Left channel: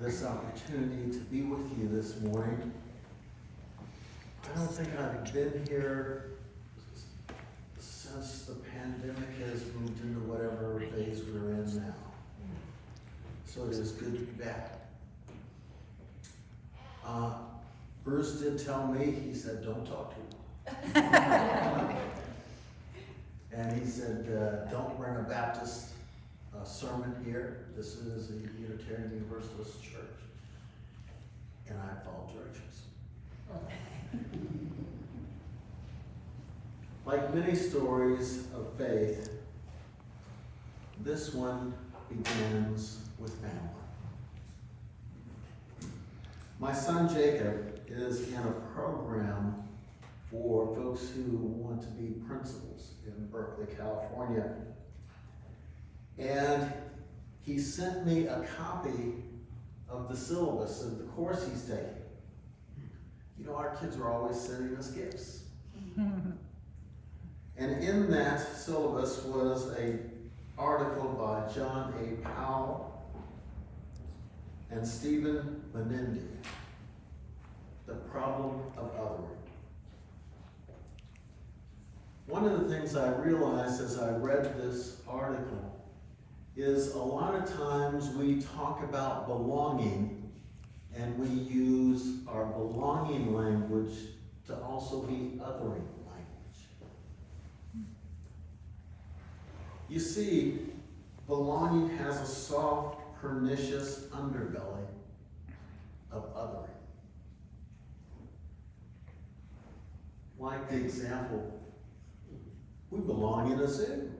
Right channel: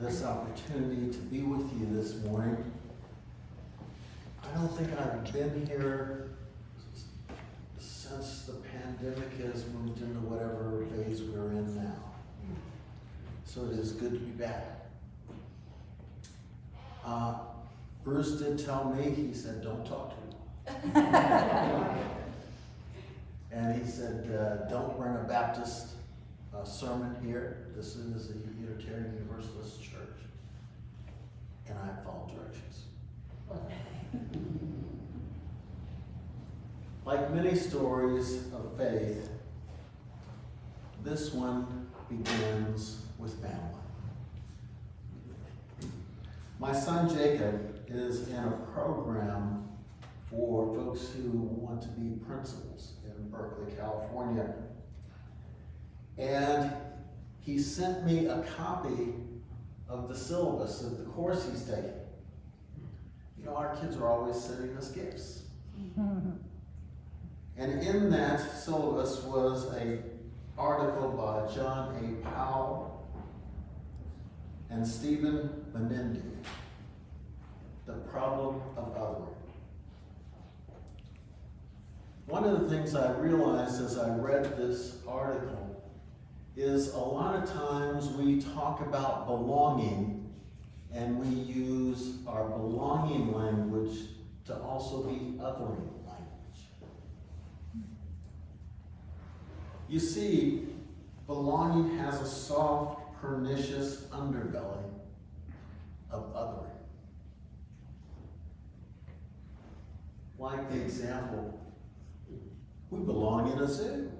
this opportunity to be with you this morning. I don't think I've been here since the pandemic has moved into whatever phase we're in now. So it is good to be back. Bruce did tell me, he said, don't talk to me. And he said, don't bring a Baptist sermon here. This is a Unitarian Universalist church. And I follow directions. Like many stories of faith, this one begins with family. My son Jacob is in a program for folks who want to be principals in Berkeley, California. And he sent me a copy of the syllabus of the course he's taking. You know, our kids are always sending us gifts. And in that syllabus was an article by John A. Powell and Stephen Menendez, The Problem of Othering. One of the things I realized as I read this article is a lot of times we talk about belonging and we use our belonging language to also be othering language. You see, belonging has a soft, pernicious underbelly of othering. Like the example, we belong in a zoo.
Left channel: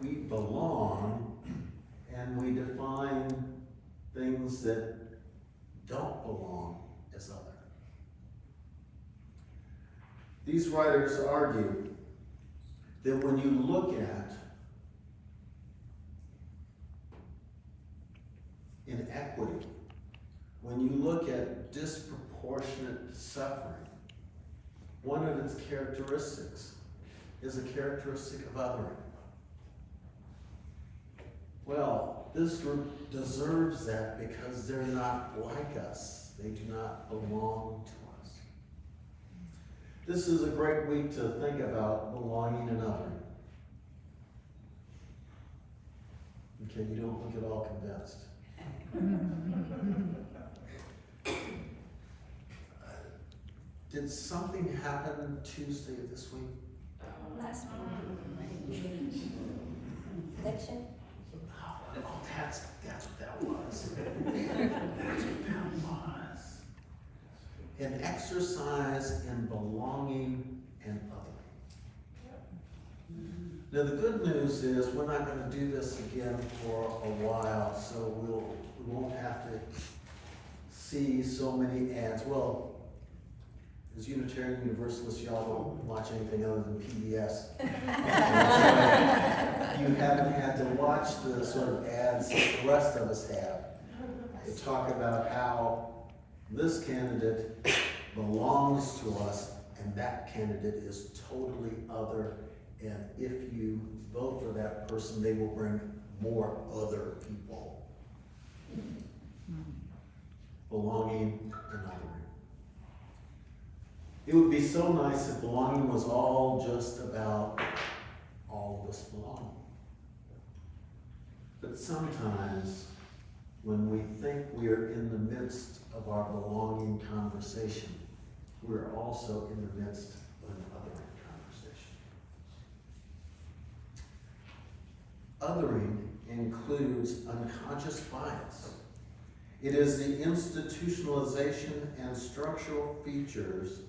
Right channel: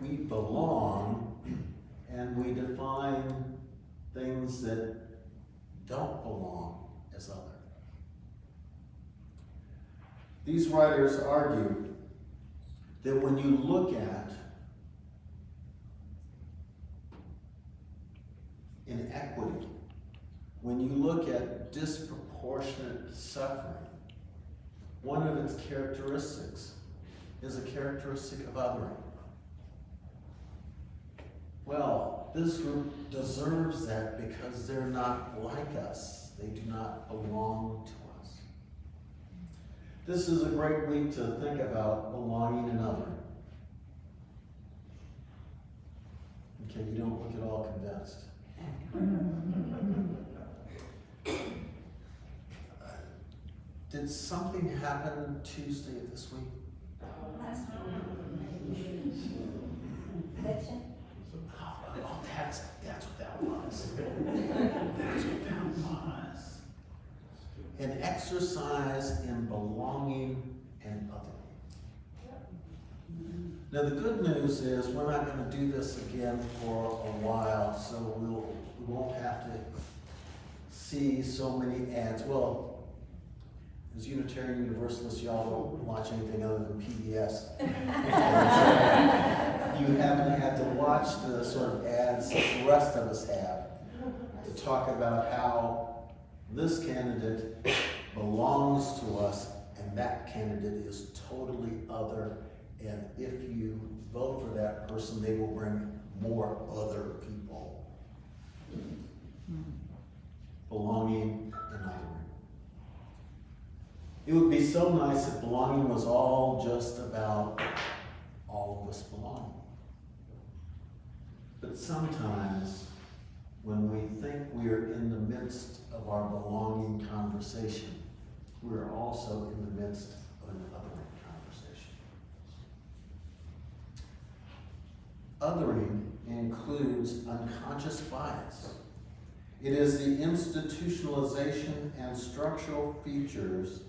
We belong and we define things that don't belong as other. These writers argue that when you look at inequity, when you look at disproportionate suffering, one of its characteristics is a characteristic of othering. Well, this group deserves that because they're not like us. They do not belong to us. This is a great week to think about belonging and othering. Okay, you don't look at all convinced. Did something happen Tuesday of this week? Last week. Election. Oh, that's what that was. That's what that was. An exercise in belonging and othering. Now the good news is we're not going to do this again for a while, so we won't have to see so many ads. Well, as Unitarian Universalists, y'all don't watch anything other than PBS. You haven't had to watch the sort of ads that the rest of us have to talk about how this candidate belongs to us and that candidate is totally other, and if you vote for that person, they will bring more other people. Belonging and othering. It would be so nice if belonging was all just about all of us belonging. But sometimes when we think we are in the midst of our belonging conversation, we're also in the midst of an othering conversation. Othering includes unconscious bias. It is the institutionalization and structural features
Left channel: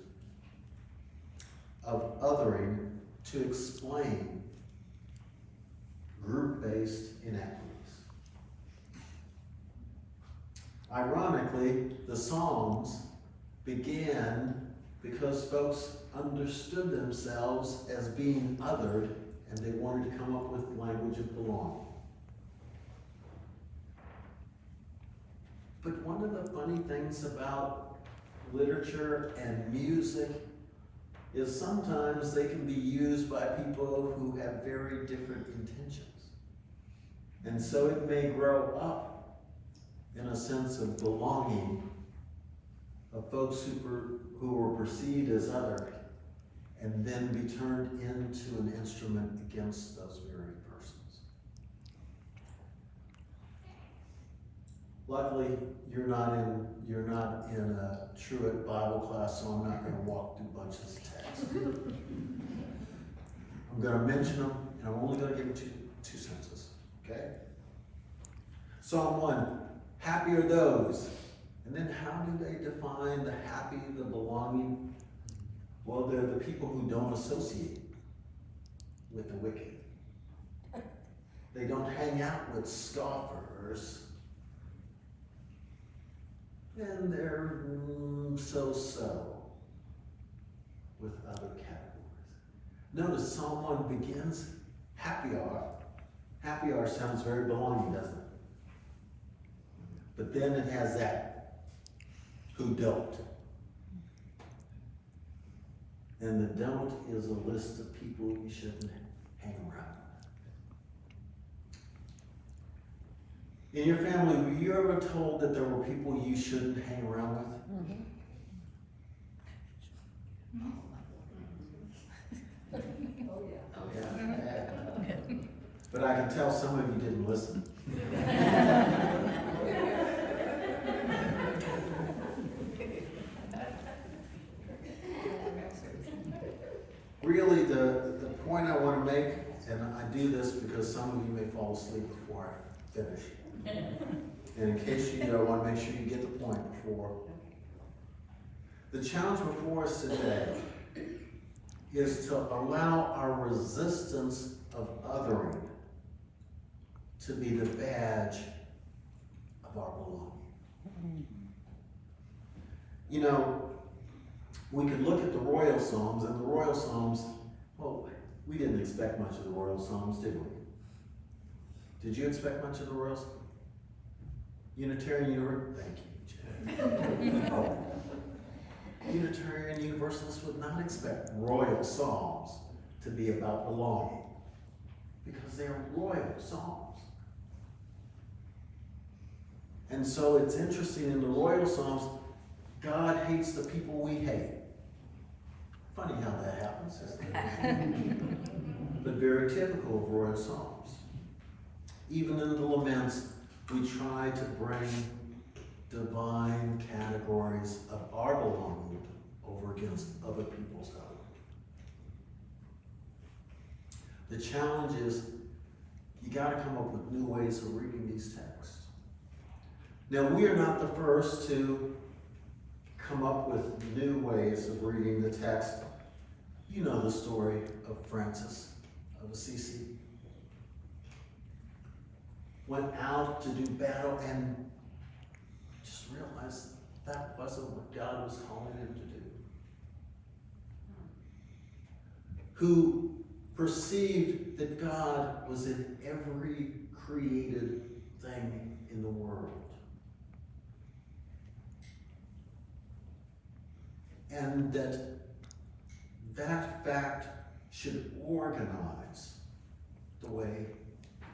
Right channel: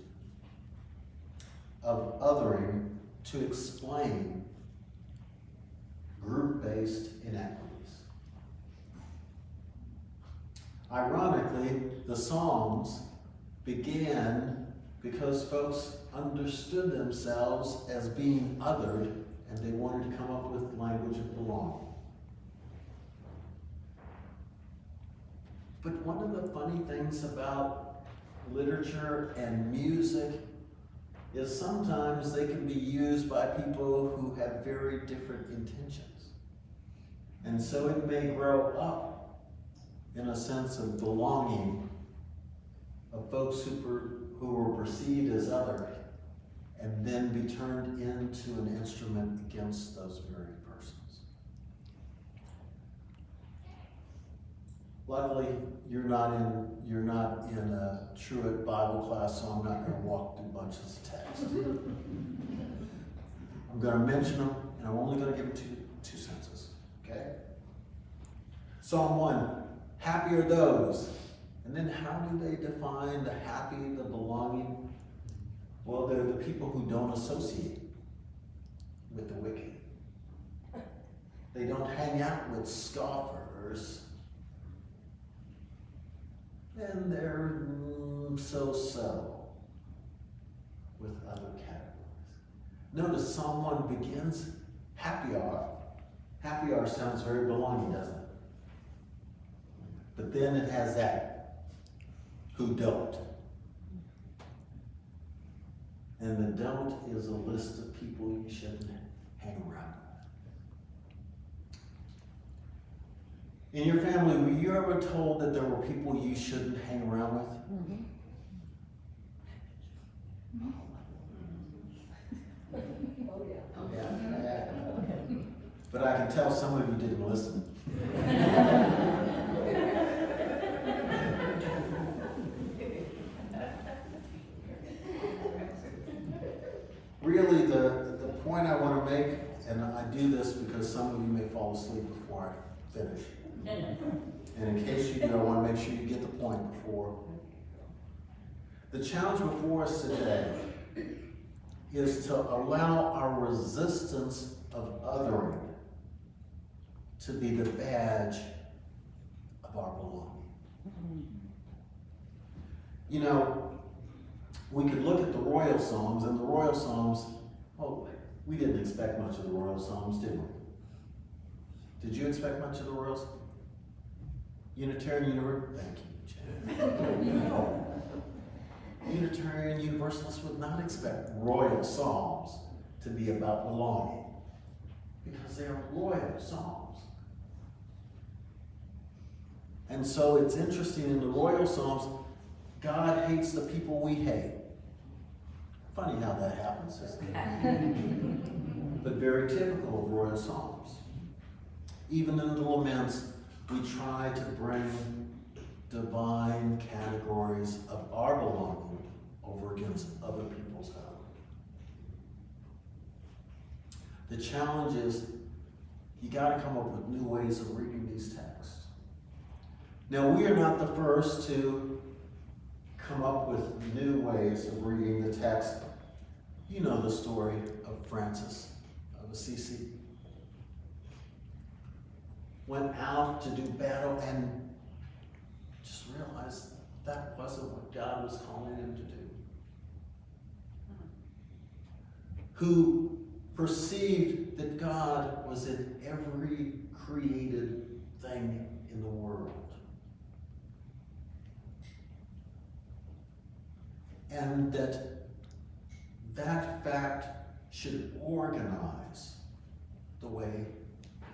of othering to explain group-based inequities. Ironically, the Psalms began because folks understood themselves as being othered and they wanted to come up with language of belonging. But one of the funny things about literature and music is sometimes they can be used by people who have very different intentions. And so it may grow up in a sense of belonging, of folks who were perceived as other, and then be turned into an instrument against those very persons. Luckily, you're not in a Truett Bible class, so I'm not going to walk through bunches of texts. I'm going to mention them, and I'm only going to give them two sentences. Okay? Psalm 1, happy are those. And then how do they define the happy, the belonging? Well, they're the people who don't associate with the wicked. They don't hang out with scoffers. And they're so-so with other categories. Notice Psalm 1 begins, happy are. Happy are sounds very belonging, doesn't it? But then it has that, who don't. And the don't is a list of people you shouldn't hang around with. In your family, were you ever told that there were people you shouldn't hang around with? Yeah. But I can tell some of you didn't listen. Really, the point I want to make, and I do this because some of you may fall asleep before I finish. And in case you do, I want to make sure you get the point before. The challenge before us today is to allow our resistance of othering to be the badge of our belonging. You know, we could look at the royal Psalms, and the royal Psalms, well, we didn't expect much of the royal Psalms, did we? Did you expect much of the royal Psalms? Unitarian Universalist, thank you, Jen. Oh. Unitarian Universalists would not expect royal Psalms to be about belonging, because they are royal Psalms. And so it's interesting, in the royal Psalms, God hates the people we hate. Funny how that happens, isn't it? But very typical of royal Psalms. Even in the laments, we try to bring divine categories of our belonging over against other people's own. The challenge is, you got to come up with new ways of reading these texts. Now, we are not the first to come up with new ways of reading the text. You know the story of Francis of Assisi. Went out to do battle and just realized that wasn't what God was calling him to do. Who perceived that God was in every created thing in the world. And that fact should organize the way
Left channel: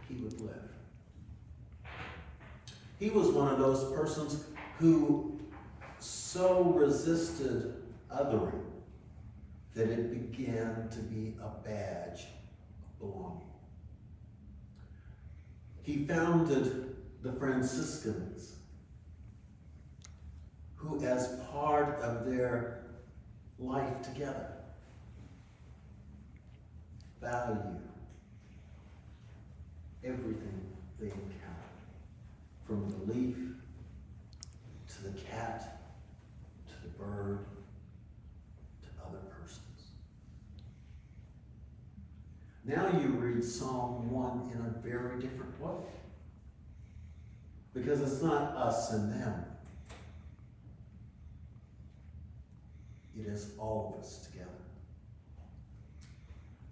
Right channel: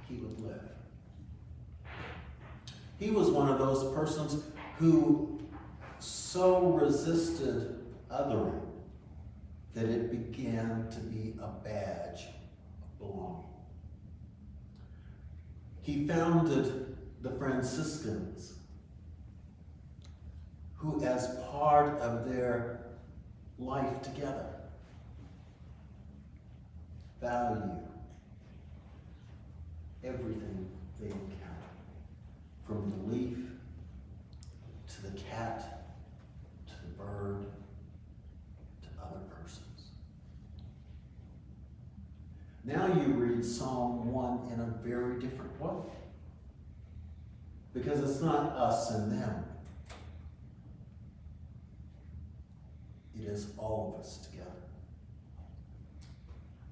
he would live. He was one of those persons who so resisted othering that it began to be a badge of belonging. He founded the Franciscans, who, as part of their life together, value everything they encounter, from the leaf to the cat to the bird to other persons. Now you read Psalm 1 in a very different way, because it's not us and them. It is all of us together.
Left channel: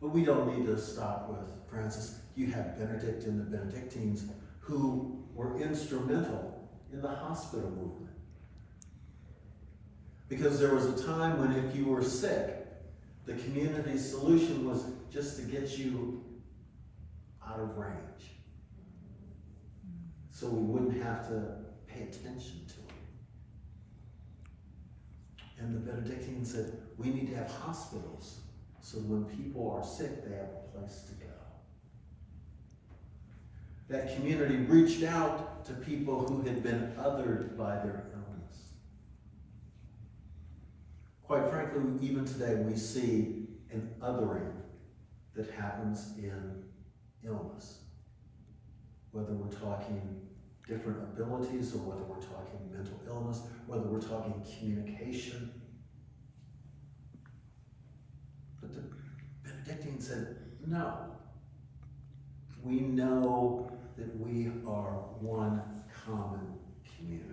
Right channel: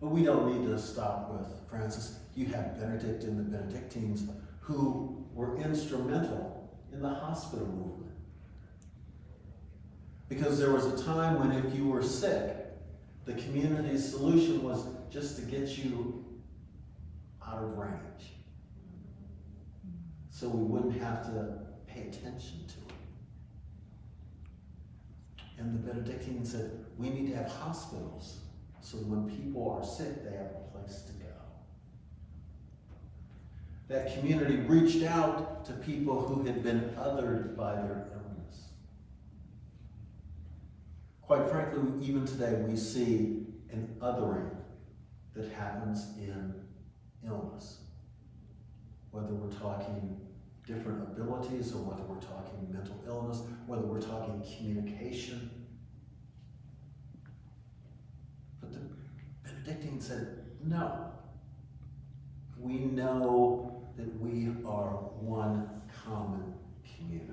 But we don't need to stop with Francis. You have Benedict and the Benedictines, who were instrumental in the hospital movement. Because there was a time when if you were sick, the community's solution was just to get you out of range, so we wouldn't have to pay attention to him. And the Benedictines said, we need to have hospitals so when people are sick, they have a place to go. That community reached out to people who had been othered by their illness. Quite frankly, even today we see an othering that happens in illness. Whether we're talking different abilities or whether we're talking mental illness, whether we're talking communication. But the Benedictine said, no. We know that we are one common community.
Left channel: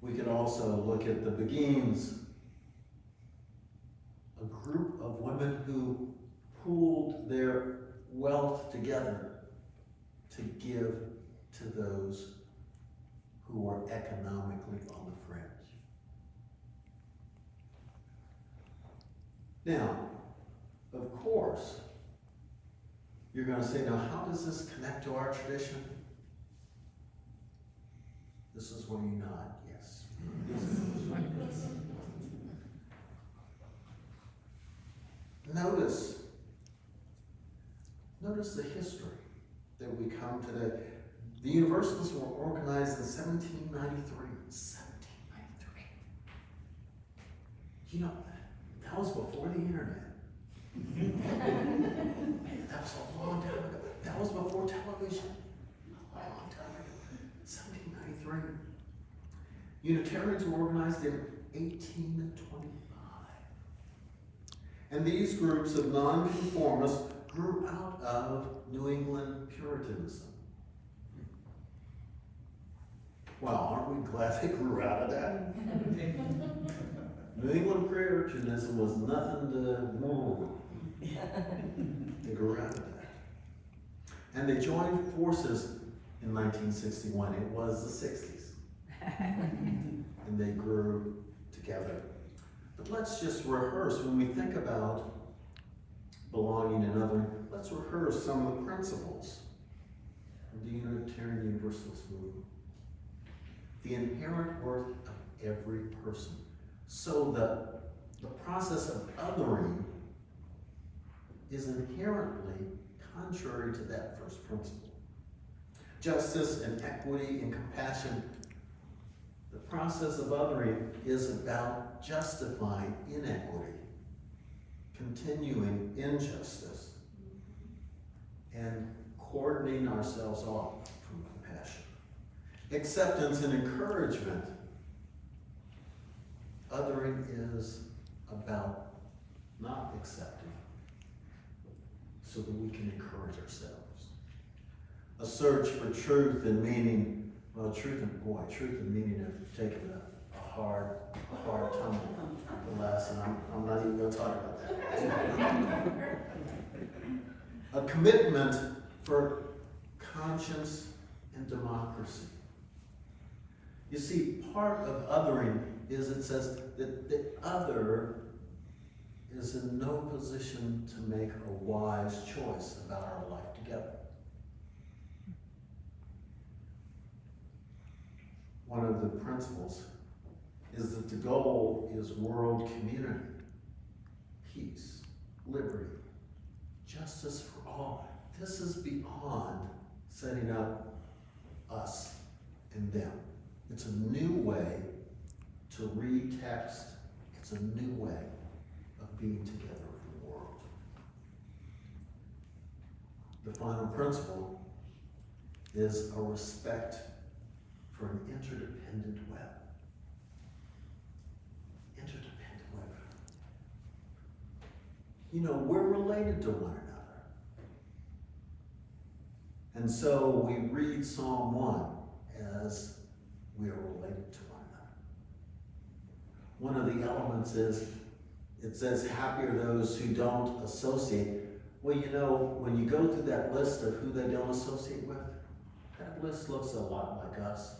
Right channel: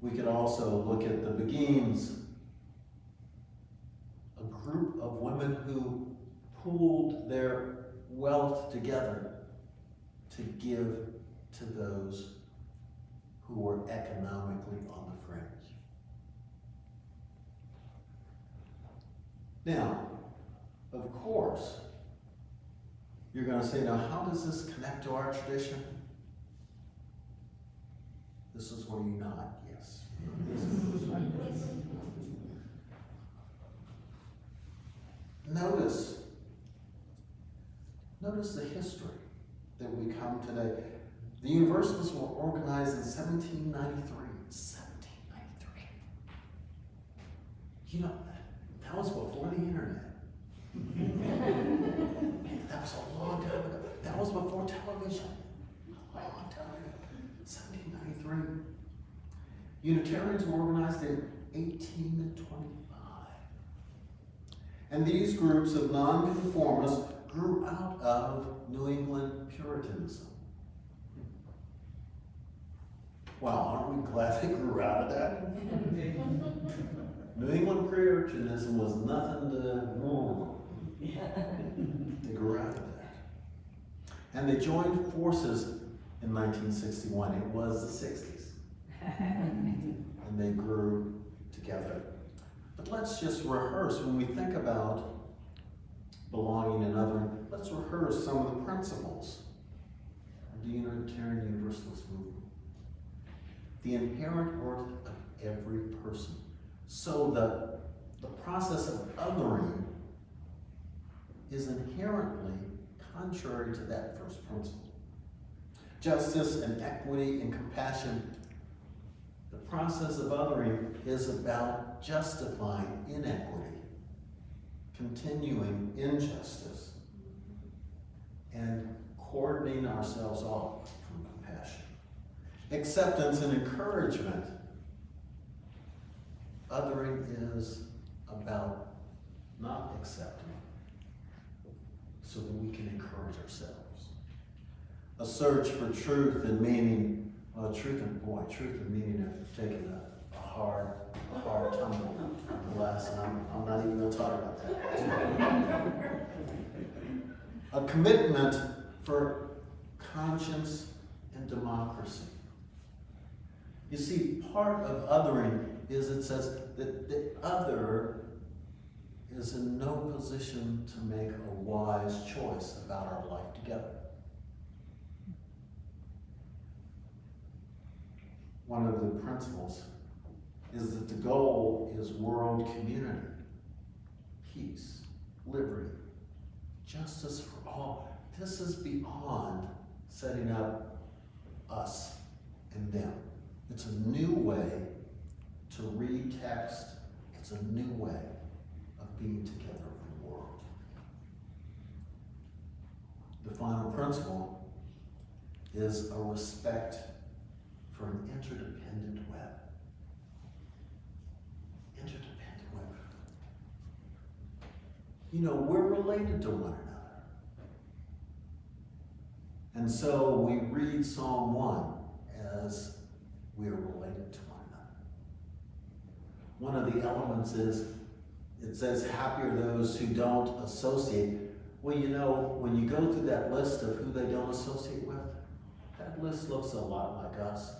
We could also look at the Beguines, a group of women who pooled their wealth together to give to those who were economically on the fringe. Now, of course, you're going to say, now how does this connect to our tradition? This is where you nod, yes. Notice the history that we come today. The Universalists were organized in 1793. 1793. You know, that was before the internet. Man, that was a long time ago. That was before television. A long time ago. 1793. Unitarians were organized in 1825. And these groups of nonconformists grew out of New England Puritanism. Well, aren't we glad they grew out of that? New England Puritanism was nothing to they grew out of that. And they joined forces in 1961. It was the 60s. And they grew together. But let's just rehearse when we think about belonging and othering. Let's rehearse some of the principles of the Unitarian Universalist movement. The inherent worth of every person. So the process of othering is inherently contrary to that first principle. Justice and equity and compassion. The process of othering is about justifying inequity, continuing injustice, and cordoning ourselves off from compassion. Acceptance and encouragement. Othering is about not accepting so that we can encourage ourselves. A search for truth and meaning. Well, truth and meaning have taken a hard tumble in the last, and I'm not even going to talk about that. A commitment for conscience and democracy. You see, part of othering is it says that the other is in no position to make a wise choice about our life together. One of the principles is that the goal is world community, peace, liberty, justice for all. This is beyond setting up us and them. It's a new way to read text. It's a new way of being together in the world. The final principle is a respect for an interdependent web. Interdependent web. You know, we're related to one another. And so we read Psalm 1 as we are related to one another. One of the elements is, it says, happy are those who don't associate. Well, you know, when you go through that list of who they don't associate with, that list looks a lot like us.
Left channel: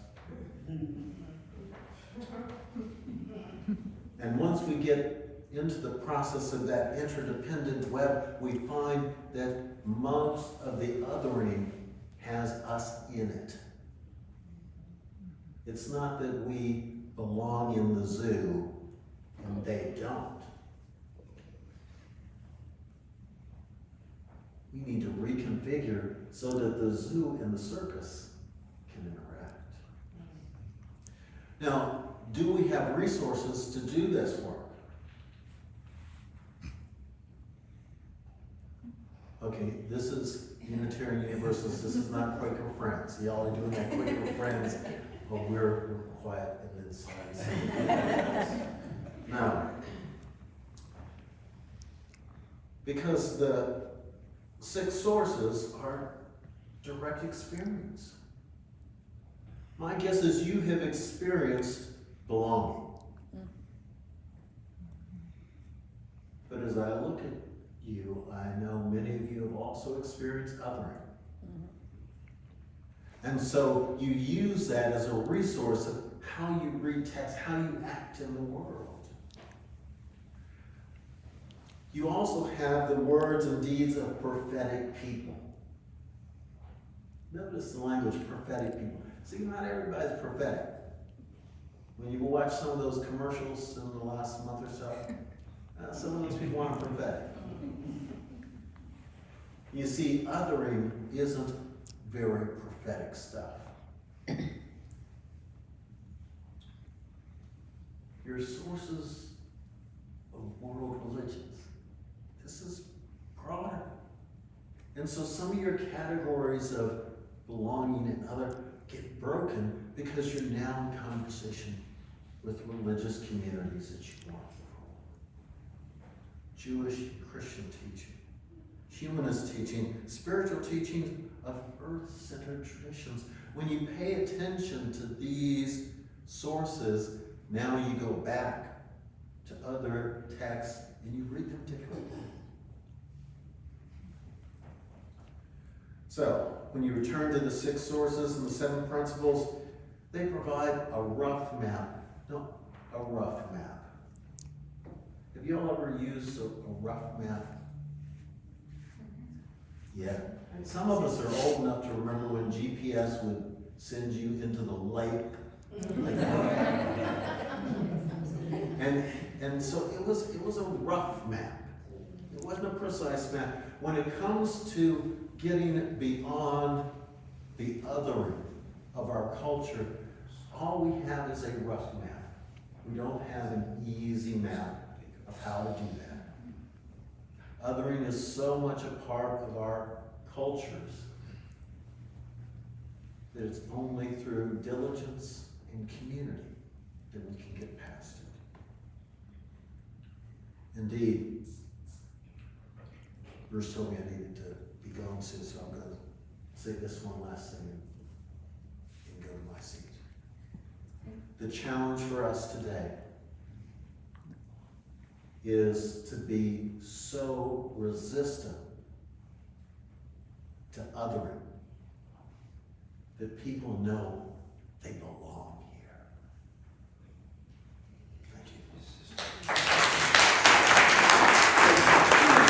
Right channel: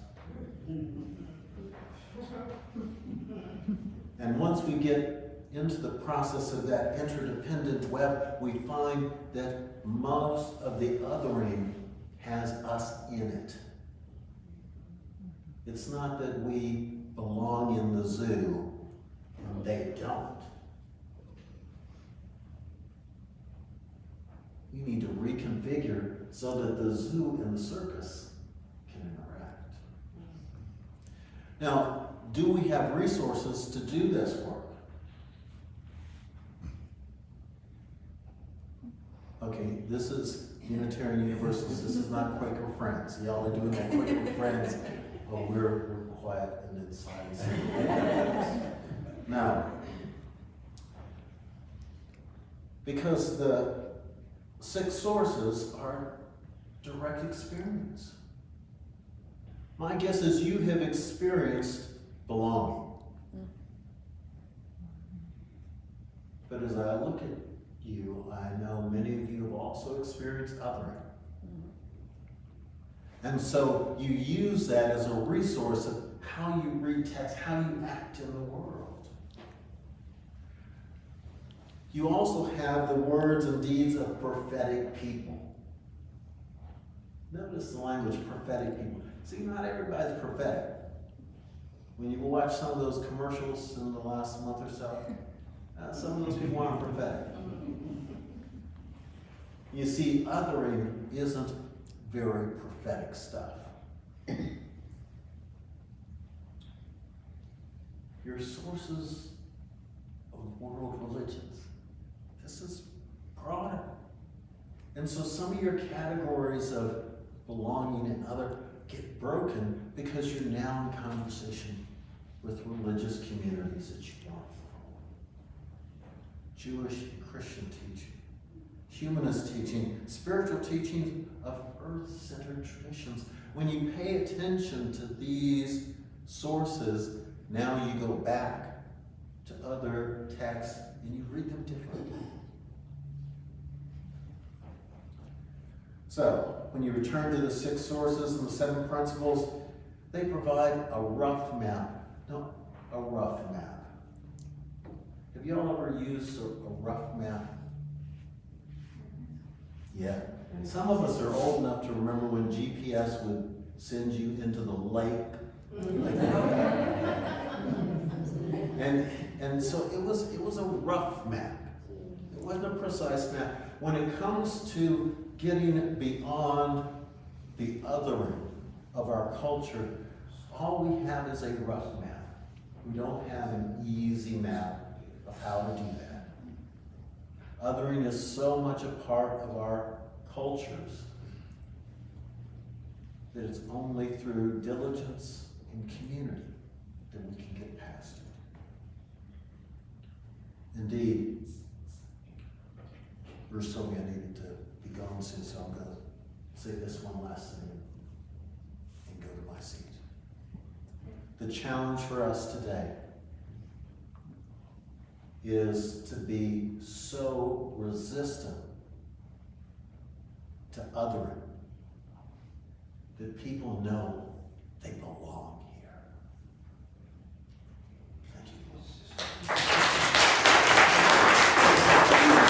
And once we get into the process of that interdependent web, we find that most of the othering has us in it. It's not that we belong in the zoo and they don't. We need to reconfigure so that the zoo and the circus can interact. Now, do we have resources to do this work? Okay, this is Unitarian Universalist. This is not Quaker Friends. Y'all are doing that Quaker Friends. Oh, we're quiet and then silence. Now, because the 6 sources are direct experience. My guess is you have experienced belonging. But as I look at you, I know many of you have also experienced othering. And so you use that as a resource of how you read text, how you act in the world. You also have the words and deeds of prophetic people. Notice the language, prophetic people. See, not everybody's prophetic. When you watch some of those commercials in the last month or so, some of those people aren't prophetic. You see, othering isn't very prophetic stuff. Your sources of world religions. This is broader. And so some of your categories of belonging and other get broken because you're now in conversation with religious communities that you weren't before. Jewish and Christian teaching, humanist teaching, spiritual teachings of earth-centered traditions. When you pay attention to these sources, now you go back to other texts and you read them differently. So, when you return to the 6 sources and the 7 principles, they provide a rough map. No, a rough map. Have y'all ever used a rough map? Yeah. Some of us are old enough to remember when GPS would send you into the lake. And so it was a rough map. It wasn't a precise map. When it comes to getting beyond the othering of our culture, all we have is a rough map. We don't have an easy map of how to do that. Othering is so much a part of our cultures that it's only through diligence and community that we can get past it. Indeed, Bruce told me I needed to be going soon, so I'm going to say this one last thing and go to my seat. The challenge for us today is to be so resistant to othering that people know they belong